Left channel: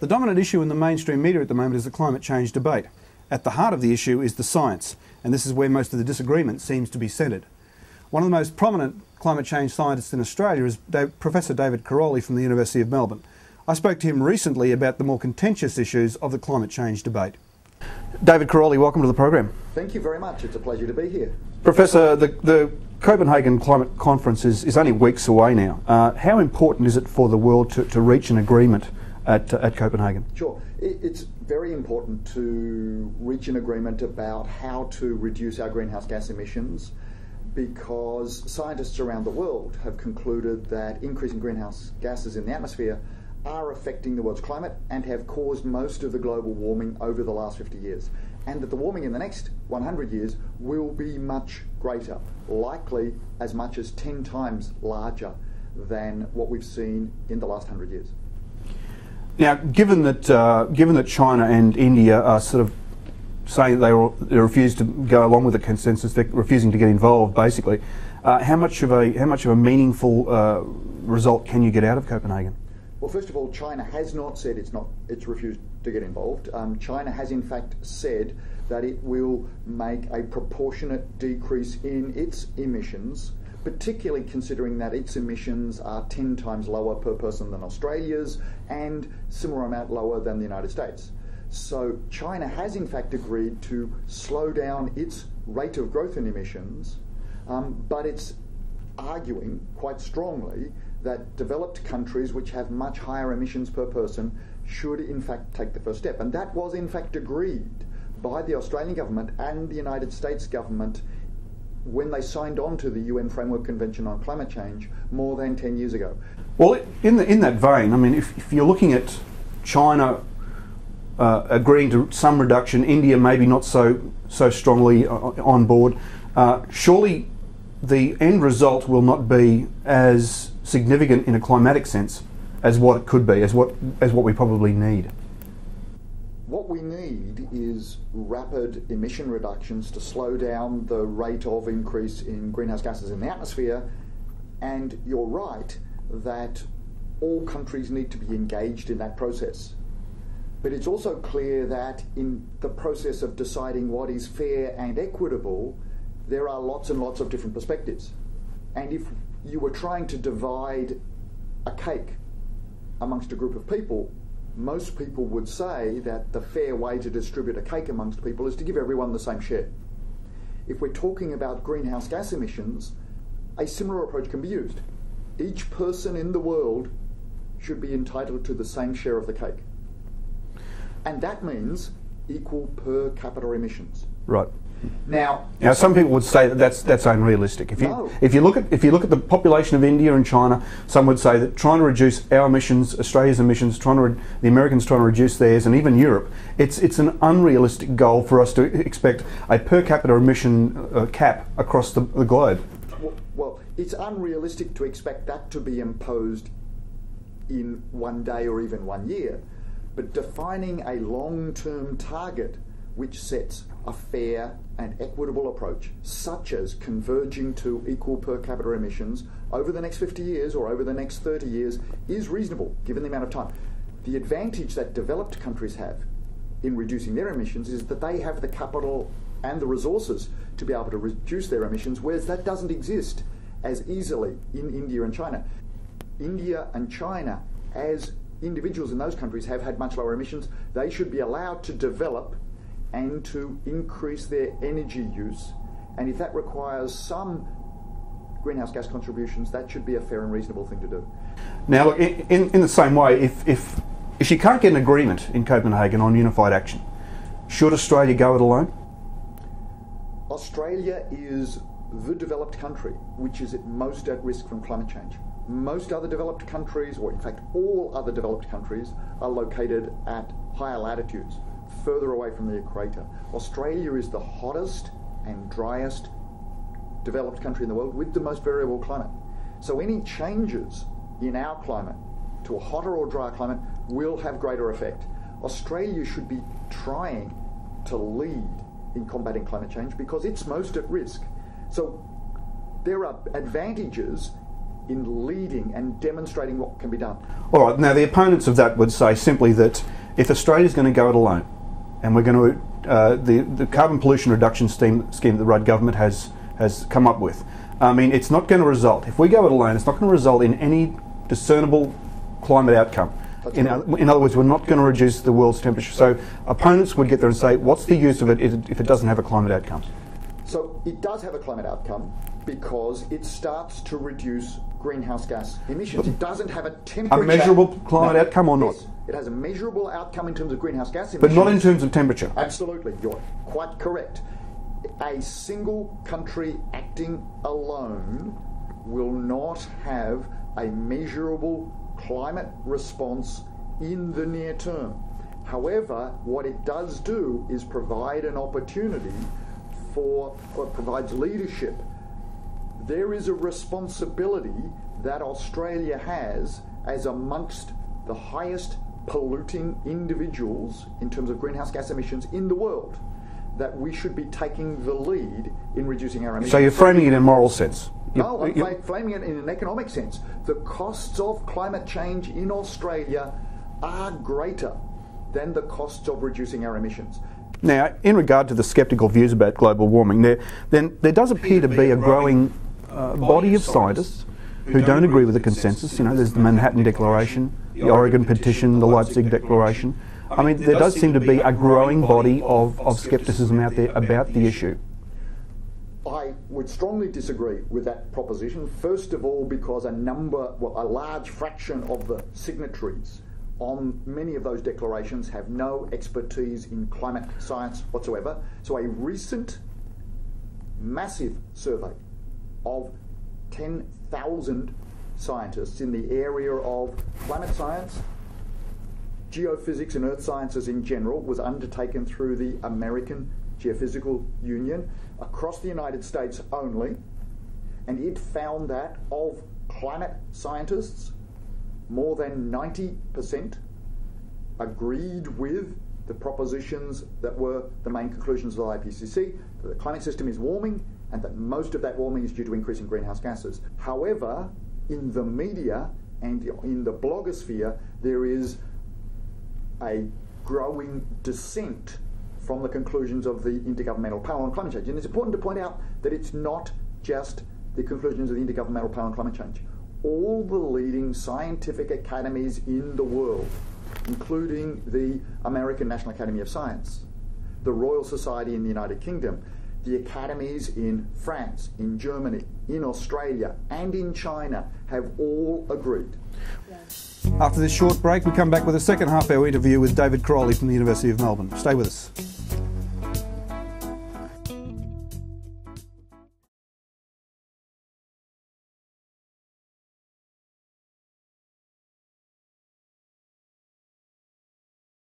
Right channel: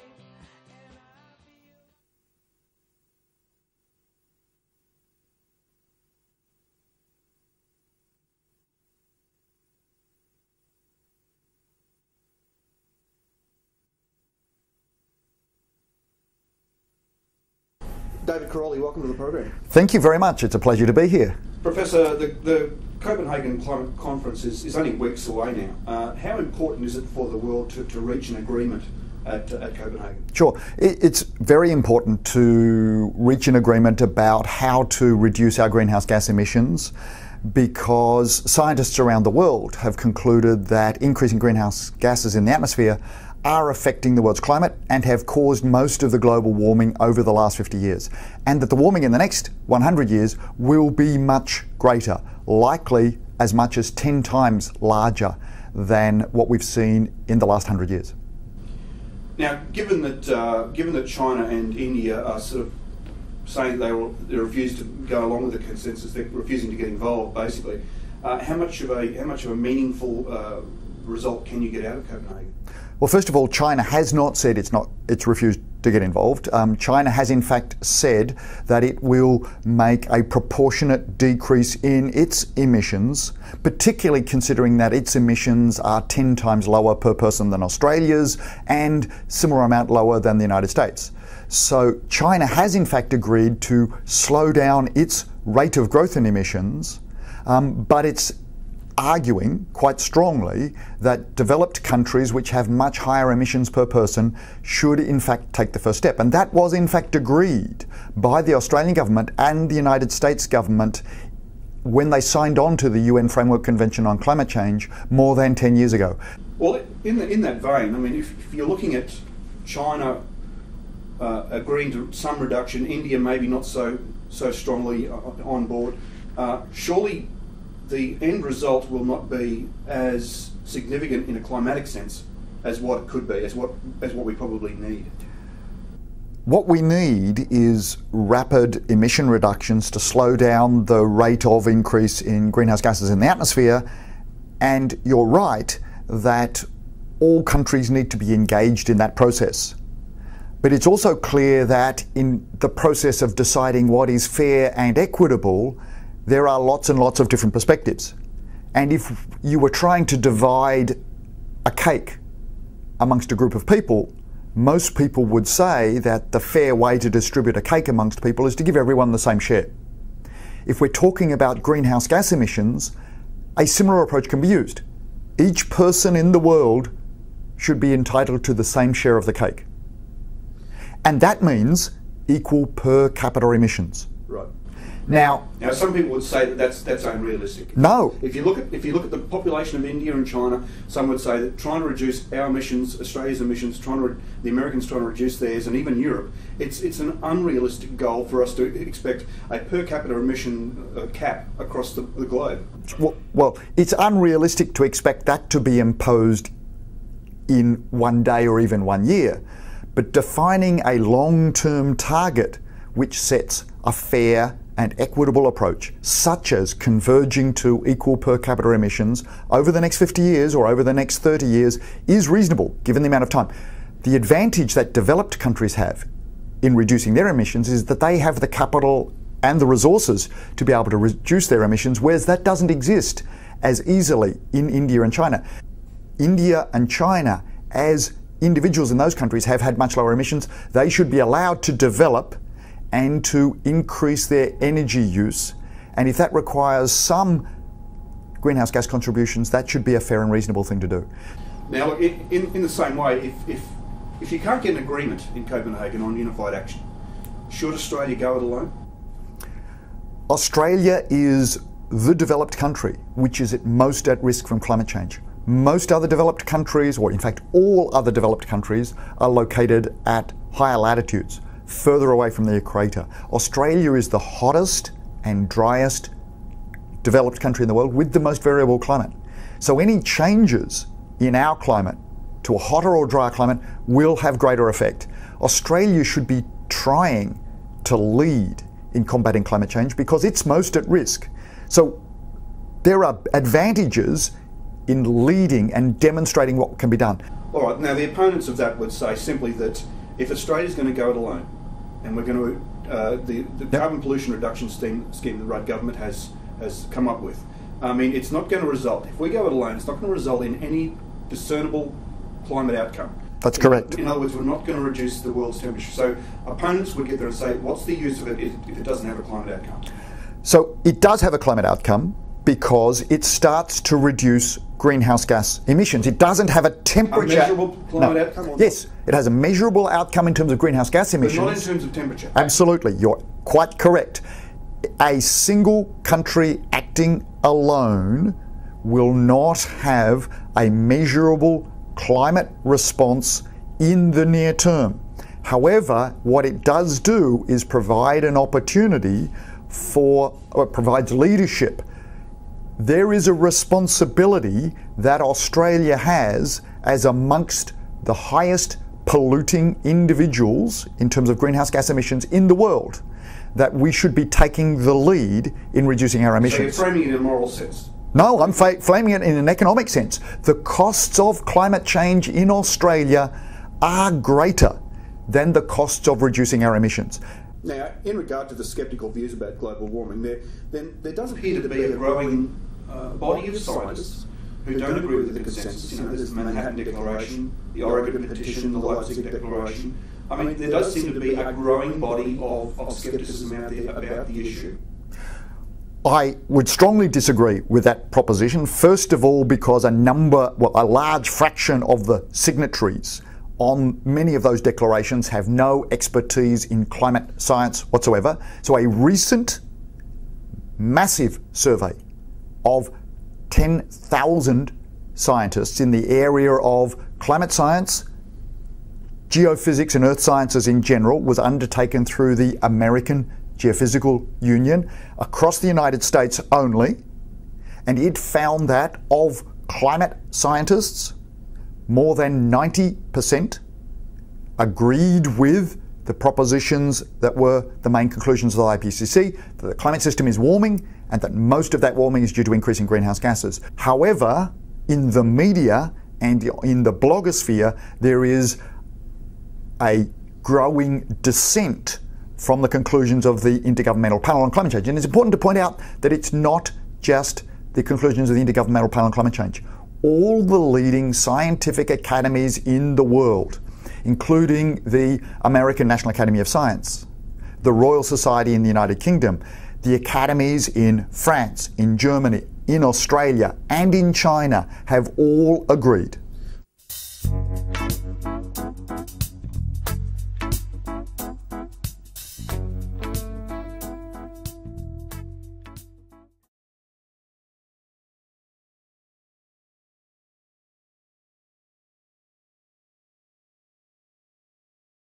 The dominant issue in the mainstream media at the moment is the climate change debate. At the heart of the issue is the science, and this is where most of the disagreement seems to be centred. One of the most prominent climate change scientists in Australia is Professor David Karoly from the University of Melbourne. I spoke to him recently about the more contentious issues of the climate change debate. David Karoly, welcome to the program. Thank you very much. It's a pleasure to be here. Professor, the Copenhagen Climate Conference is only weeks away now. How important is it for the world to reach an agreement at Copenhagen? Sure. It's very important to reach an agreement about how to reduce our greenhouse gas emissions, because scientists around the world have concluded that increasing greenhouse gases in the atmosphere are affecting the world's climate and have caused most of the global warming over the last 50 years. And that the warming in the next 100 years will be much greater, likely as much as 10 times larger than what we've seen in the last 100 years. Now, given that China and India are sort of saying they refuse to go along with the consensus, they're refusing to get involved, basically, how much of a meaningful result can you get out of Copenhagen? Well, first of all, China has not said it's refused to get involved. China has in fact said that it will make a proportionate decrease in its emissions, particularly considering that its emissions are 10 times lower per person than Australia's and similar amount lower than the United States. So China has in fact agreed to slow down its rate of growth in emissions, but it's arguing quite strongly that developed countries which have much higher emissions per person should in fact take the first step. And that was in fact agreed by the Australian government and the United States government when they signed on to the UN Framework Convention on Climate Change more than 10 years ago. Well, in that vein, I mean, if you're looking at China agreeing to some reduction, India maybe not so strongly on board, surely the end result will not be as significant in a climatic sense as what it could be, as what we probably need. What we need is rapid emission reductions to slow down the rate of increase in greenhouse gases in the atmosphere. And you're right that all countries need to be engaged in that process. But it's also clear that in the process of deciding what is fair and equitable, there are lots and lots of different perspectives. And if you were trying to divide a cake amongst a group of people, most people would say that the fair way to distribute a cake amongst people is to give everyone the same share. If we're talking about greenhouse gas emissions, a similar approach can be used. Each person in the world should be entitled to the same share of the cake. And that means equal per capita emissions. Right. Now, some people would say that that's unrealistic. If you look at the population of India and China, some would say that trying to reduce our emissions, Australia's emissions, the Americans trying to reduce theirs, and even Europe, it's an unrealistic goal for us to expect a per capita emission cap across the globe. Well, it's unrealistic to expect that to be imposed in one day or even 1 year, but defining a long-term target which sets a fair and equitable approach, such as converging to equal per capita emissions over the next 50 years or over the next 30 years, is reasonable given the amount of time. The advantage that developed countries have in reducing their emissions is that they have the capital and the resources to be able to reduce their emissions, whereas that doesn't exist as easily in India and China. India and China, as individuals in those countries, have had much lower emissions. They should be allowed to develop and to increase their energy use. And if that requires some greenhouse gas contributions, that should be a fair and reasonable thing to do. Now, in the same way, if you can't get an agreement in Copenhagen on unified action, should Australia go it alone? Australia is the developed country which is most at risk from climate change. Most other developed countries, or in fact all other developed countries, are located at higher latitudes, further away from the equator. Australia is the hottest and driest developed country in the world with the most variable climate. So any changes in our climate to a hotter or drier climate will have greater effect. Australia should be trying to lead in combating climate change because it's most at risk. So there are advantages in leading and demonstrating what can be done. All right, now the opponents of that would say simply that if Australia's going to go it alone, and we're going to, the carbon pollution reduction scheme that the Rudd government has come up with, I mean, it's not going to result, if we go it alone, it's not going to result in any discernible climate outcome. That's correct. In other words, we're not going to reduce the world's temperature. So opponents would get there and say, what's the use of it if it doesn't have a climate outcome? So it does have a climate outcome because it starts to reduce greenhouse gas emissions. It doesn't have a temperature... A measurable climate outcome or not? Yes, it has a measurable outcome in terms of greenhouse gas emissions. But not in terms of temperature? Absolutely, you're quite correct. A single country acting alone will not have a measurable climate response in the near term. However, what it does do is provide an opportunity for, or it provides leadership. There is a responsibility that Australia has as amongst the highest polluting individuals in terms of greenhouse gas emissions in the world, that we should be taking the lead in reducing our emissions. So you're framing it in a moral sense? No, I'm framing it in an economic sense. The costs of climate change in Australia are greater than the costs of reducing our emissions. Now, in regard to the sceptical views about global warming, there does appear to be a growing body of scientists who don't agree with the consensus. You know, there's the Manhattan Declaration, the Oregon Petition, the Leipzig Declaration. I mean, there does seem to be a growing body of scepticism out there about the issue. I would strongly disagree with that proposition. First of all, because a large fraction of the signatories on many of those declarations have no expertise in climate science whatsoever. So a recent massive survey of 10,000 scientists in the area of climate science, geophysics and earth sciences in general was undertaken through the American Geophysical Union across the United States only, and it found that of climate scientists, more than 90% agreed with the propositions that were the main conclusions of the IPCC, that the climate system is warming and that most of that warming is due to increasing greenhouse gases. However, in the media and in the blogosphere, there is a growing dissent from the conclusions of the Intergovernmental Panel on Climate Change. And it's important to point out that it's not just the conclusions of the Intergovernmental Panel on Climate Change. All the leading scientific academies in the world, including the American National Academy of Science, the Royal Society in the United Kingdom, the academies in France, in Germany, in Australia, and in China have all agreed. After this short break, we come back with a second half-hour interview with David Crowley from the University of Melbourne. Stay with us.